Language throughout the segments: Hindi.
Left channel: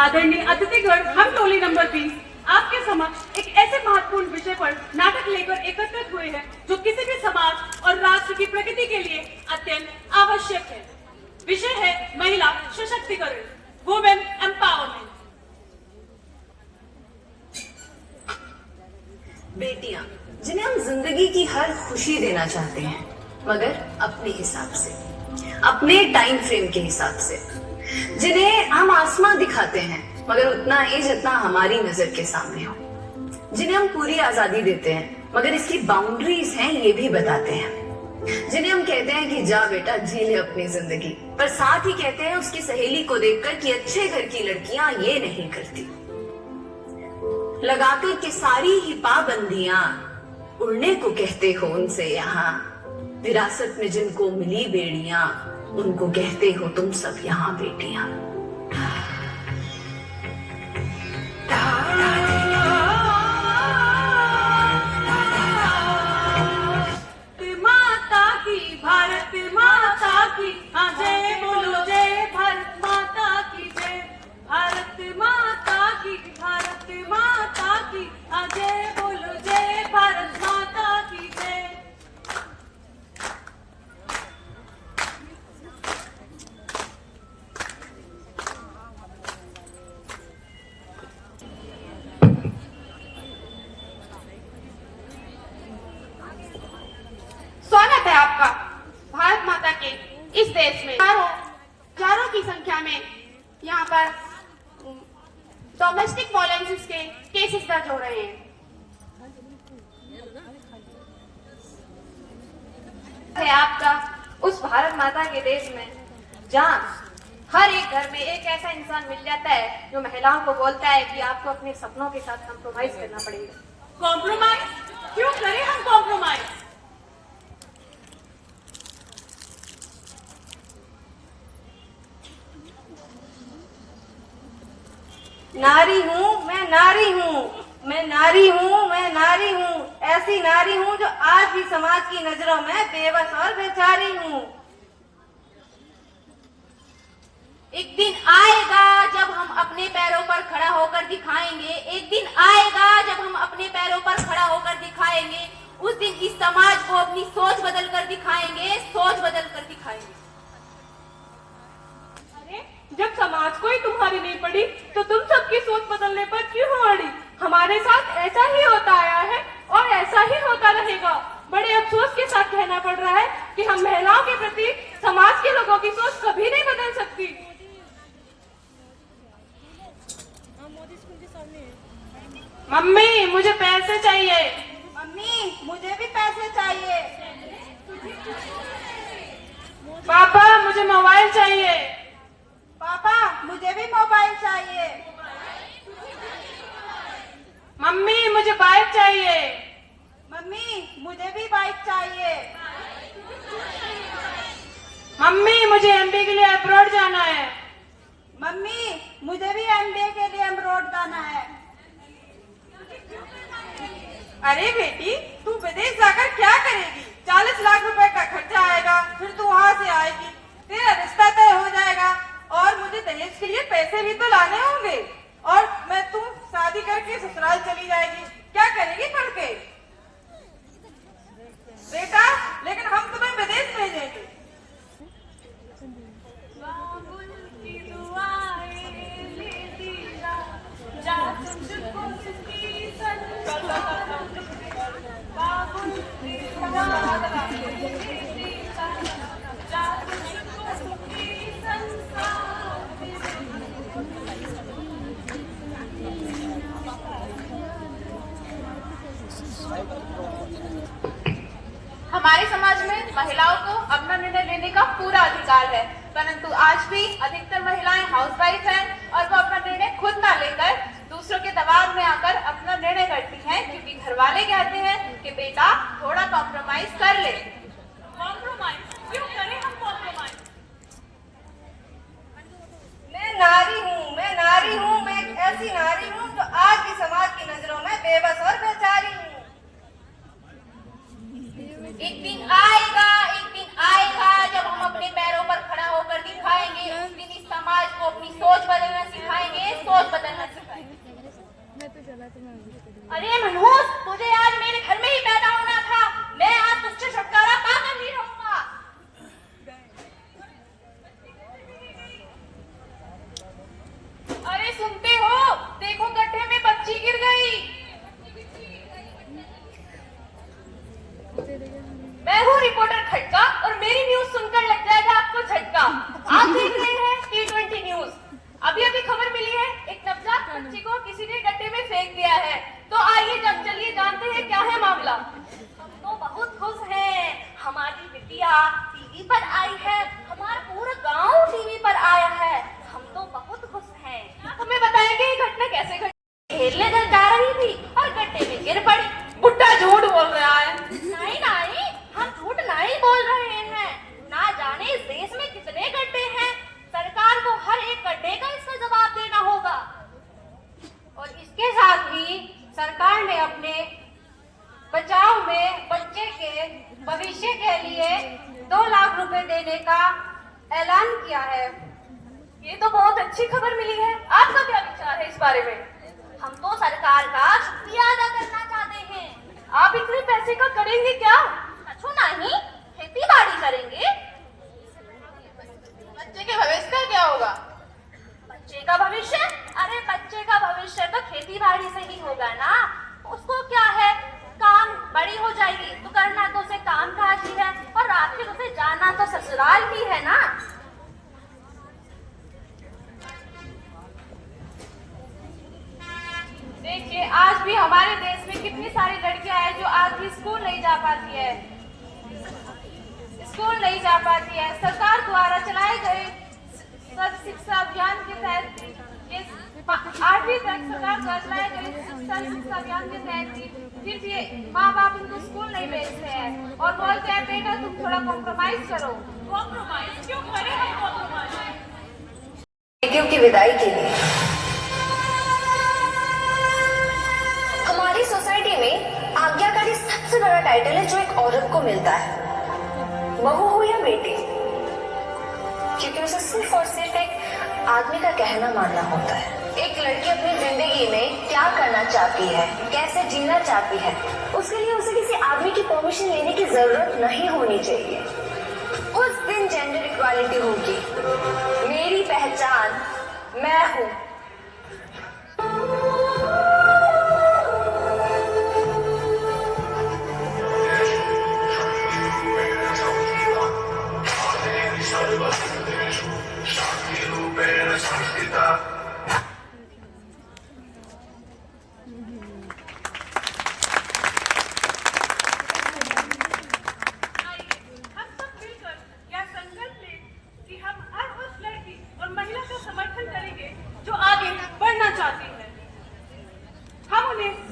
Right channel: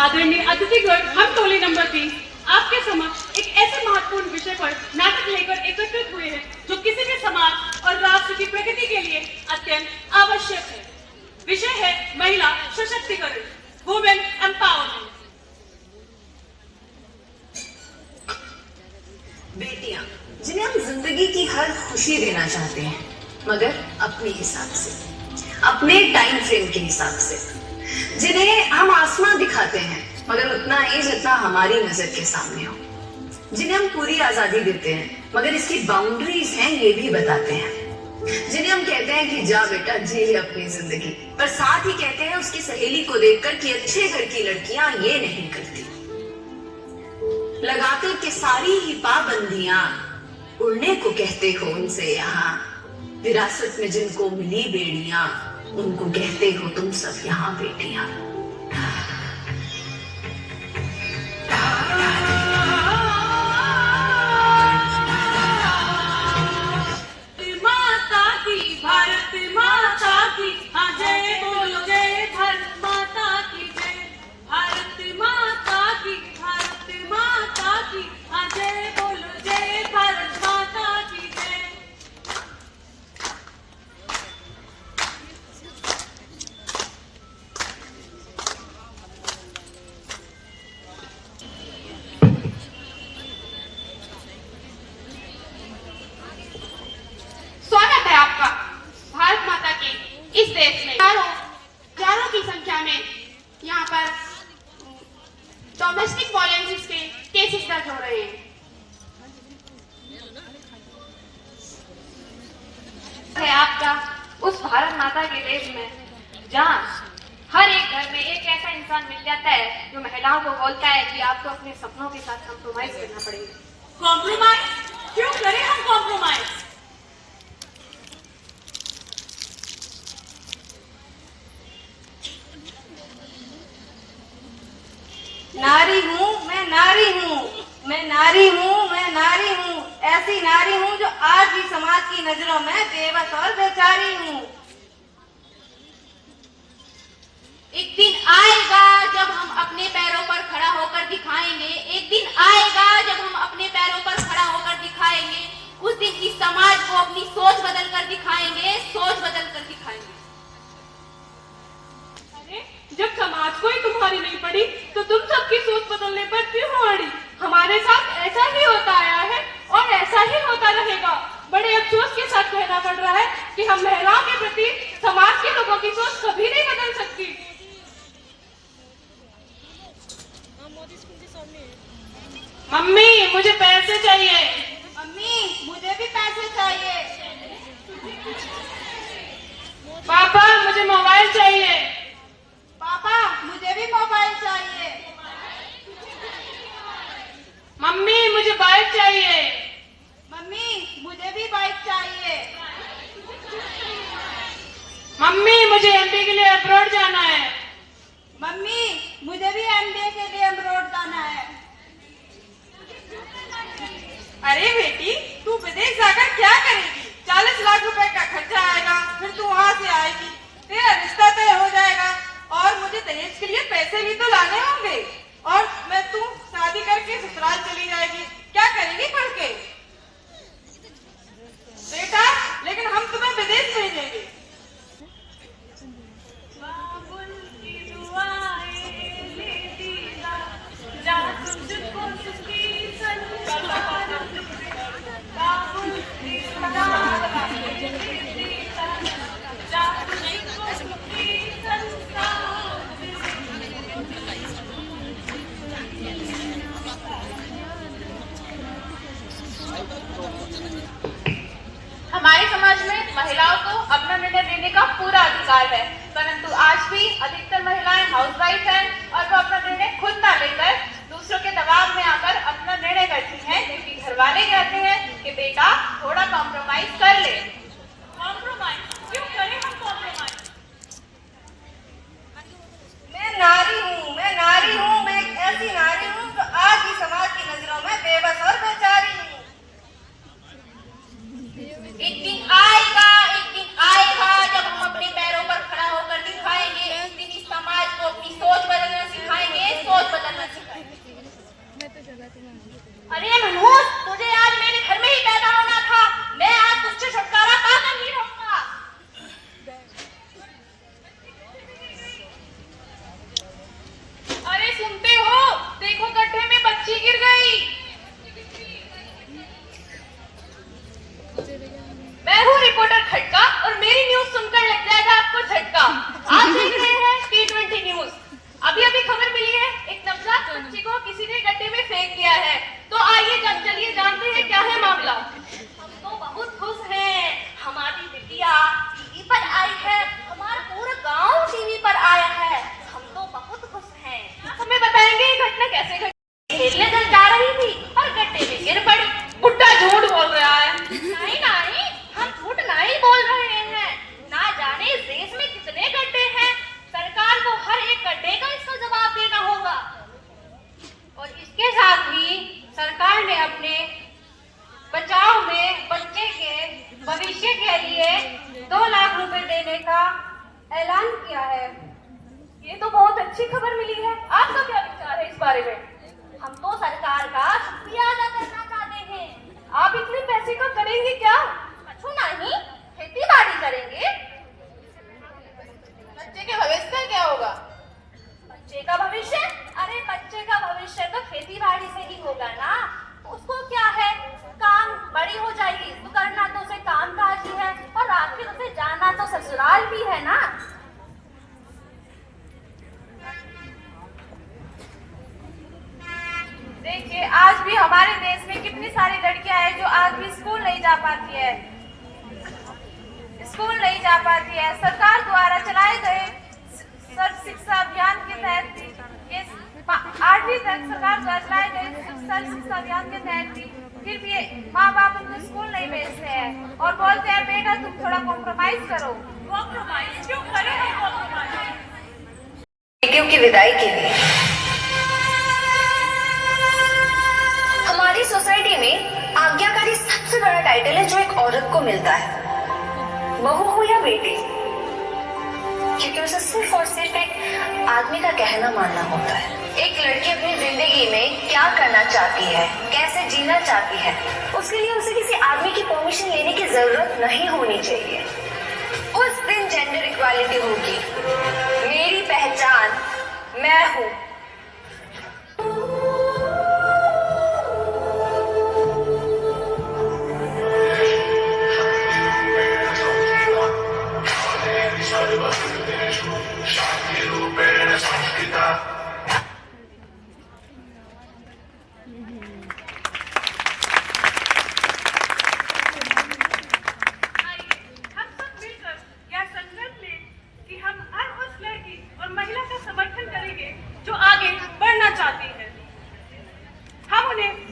आदरणीय अतिथिगण, हम टोली नंबर 3 आपके समक्ष एक ऐसे महत्वपूर्ण विषय पर नाटक लेकर एकत्रित हुए हैं जो किसी भी समाज और राष्ट्र की प्रगति के लिए अत्यंत आवश्यक है। विषय है महिला सशक्तिकरण, वुमेन एम्पावरमेंट। बेटियां जिन्हें हम जिंदगी की हर खुशी देना चाहते हैं, मगर अपने हिसाब से, अपने टाइम फ्रेम के हिसाब से, जिन्हें हम आसमां दिखाते हैं मगर उतना ही जितना हमारी नजर के सामने हो, जिन्हें हम पूरी आजादी देते हैं मगर इसकी बाउंड्रीज हैं ये भी बताते हैं, जिन्हें हम कहते हैं कि जा बेटा जी ले अपनी जिंदगी, पर साथ ही कहते हैं उसकी सहेली को देखकर कि अच्छे घर की लड़कियां ये नहीं करती। लगाकर के सारी ही पाबंदियां उड़ने को कहते हो उनसे यहाँ, विरासत में जिनको मिली बेड़ियां उनको कहते हो तुम सब यहाँ बेटियां। माता की, भारत माता की, हाँ जय बोलो जय भारत माता की जय। भारत माता की, भारत माता की, हाँ जय बोलो जय भारत माता की जय। स्वागत है आपका भारत माता के इस देश में। हजारों की संख्या में यहाँ पर डोमेस्टिक वायलेंस के केसेस दर्ज हो रहे हैं। है आपका उस भारत माता के देश में जहाँ हर एक घर में एक ऐसा इंसान मिल जाता है जो महिलाओं को बोलता है कि आपको अपने सपनों के साथ कॉम्प्रोमाइज करना पड़ेगा। कॉम्प्रोमाइज क्यों करें हम कॉम्प्रोमाइज? नारी हूँ मैं, नारी हूँ मैं, नारी हूँ मैं, नारी हूँ, ऐसी नारी हूँ जो आज भी समाज की नजरों में बेबस और बेचारी हूँ। एक दिन आएगा जब हम अपने पैरों पर खड़ा होकर दिखाएंगे, एक दिन आएगा जब हम अपने पैरों पर खड़ा होकर दिखाएंगे। उस दिन इस समाज को अपनी सोच बदल कर दिखाएंगे, सोच बदल कर दिखाएंगे। अरे जब समाज को ही तुम्हारी नहीं पड़ी तो तुम सबकी सोच बदलने पर क्यों हो अड़ी? हमारे साथ ऐसा ही होता आया है और ऐसा ही होता रहेगा। बड़े अफसोस के साथ कहना पड़ रहा है कि हम महिलाओं के प्रति समाज के लोगों की सोच कभी नहीं बदल सकती। मम्मी मुझे पैसे चाहिए। मम्मी मुझे भी पैसे चाहिए। पापा मुझे मोबाइल चाहिए। पापा मुझे भी मोबाइल चाहिए। मम्मी मुझे बाइक चाहिए। मम्मी मुझे भी बाइक चाहिए। मम्मी मुझे एमपी के लिए अब्रॉड जाना है। मम्मी मुझे भी एमबीए के लिए अब्रॉड जाना है। अरे बेटी तू विदेश जाकर क्या करेगी? 40 लाख रुपए का खर्चा आएगा, फिर तू वहाँ से आएगी, तेरा रिश्ता तय हो जाएगा और मुझे दहेज के लिए पैसे भी तो लाने होंगे और मैं तू शादी करके ससुराल चली जाएगी। क्या करेगी पढ़ के? बेटा लेकिन हम तुम्हें विदेश भेजेंगे। हमारे समाज में महिलाओं को अपना निर्णय लेने का पूरा अधिकार है, परंतु आज भी अधिकतर महिलाएं हाउसवाइफ हैं और वो अपना निर्णय खुद ना लेकर दूसरों के दबाव में आकर अपना निर्णय करती हैं, क्योंकि घर वाले कहते हैं कि बेटा थोड़ा कॉम्प्रोमाइज कर ले। कॉम्प्रोमाइज क्यों करें हम कॉम्प्रोमाइज? मैं नारी हूँ मैं, नारी हूँ मैं, एक ऐसी नारी हूँ जो आज भी समाज की नजरों में बेबस और बेचारी हूँ। एक दिन आएगा जब हम अपने पैरों पर खड़ा होकर दिखाएंगे। उस दिन इस समाज को अपनी सोच सोच बदलना सिखाई। अरे मनोज, तुझे आज मेरे घर में ही पैदा होना था। मैं आज तुझसे छुटकारा पाकर ही रहूंगा। अरे सुनते हो, देखो गड्ढे में बच्ची गिर गई। मैं हूँ रिपोर्टर खटका और मेरी न्यूज सुनकर लग जाएगा आपको झटका। आप देख रहे हैं T20 न्यूज। अभी अभी खबर मिली है, एक नवजात बच्ची को किसी ने गड्ढे में फेंक दिया है। तो आइए चलिए जानते हैं क्या है मामला। हम तो बहुत खुश हैं, हमारी बिटिया टीवी पर आई है, हमारा पूरा गांव टीवी पर आया है। हम तो बहुत खुश हैं। हमें बताएंगे ये घटना कैसे घटी? खेलने जा रही थी और गड्ढे में गिर पड़ी। बुड्ढा झूठ बोल रहा है। नहीं नहीं, हम झूठ नहीं बोल रहे हैं। ना जाने इस देश में कितने गड्ढे हैं, सरकार को हर एक गड्ढे का इसका जवाब देना होगा। और इसके साथ ही सरकार ने अपने बचाव में बच्चे के भविष्य के लिए 2 लाख रुपए देने का ऐलान किया है। ये तो बहुत अच्छी खबर मिली है। आपका क्या विचार है इस बारे में? हम तो सरकार का शुक्रिया अदा करना चाहते हैं। आप इतने पैसे का करेंगे क्या? कछु नहीं, खेती बाड़ी करेंगे। बच्चे के भविष्य का क्या होगा? बच्चे का भविष्य? अरे बच्चे का भविष्य तो खेती बाड़ी से ही होगा ना। उसको क्या है, काम बड़ी हो जाएगी तो करना तो उसे काम काज ही है, और आखिर उसे जाना तो ससुराल भी है ना। देखिए, आज भी हमारे देश में कितनी सारी लड़कियां हैं जो आज भी स्कूल नहीं जा पाती है। सरकार द्वारा चलाए गए सर्व शिक्षा अभियान के तहत ये 8वीं तक सरकार द्वारा चलाए गए सर्व शिक्षा अभियान के तहत भी फिर भी माँ बाप उनको स्कूल नहीं भेजते हैं और बोलते हैं बेटा तुम थोड़ा कॉम्प्रोमाइज करो। कॉम्प्रोमाइज क्यों करे हैं? कॉम्प्रोमाइज बेटियों की विदाई के लिए हमारी सोसाइटी में आज्ञाकारी सबसे बड़ा टाइटल है जो एक औरत को मिलता है, बहू हो या बेटी, क्योंकि उसे सिर्फ और सिर्फ एक आदमी का कहना मानना होता है। एक लड़की अपनी जिंदगी में क्या करना चाहती है, कैसे जीना चाहती है, उसके लिए उसे किसी आदमी की परमिशन लेने की जरूरत नहीं होनी चाहिए। उस दिन जेंडर इक्वालिटी होगी। मेरी पहचान मैं हूँ।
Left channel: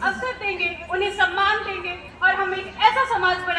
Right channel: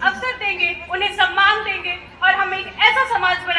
अवसर देंगे, उन्हें सम्मान देंगे और हम एक ऐसा समाज बनाएंगे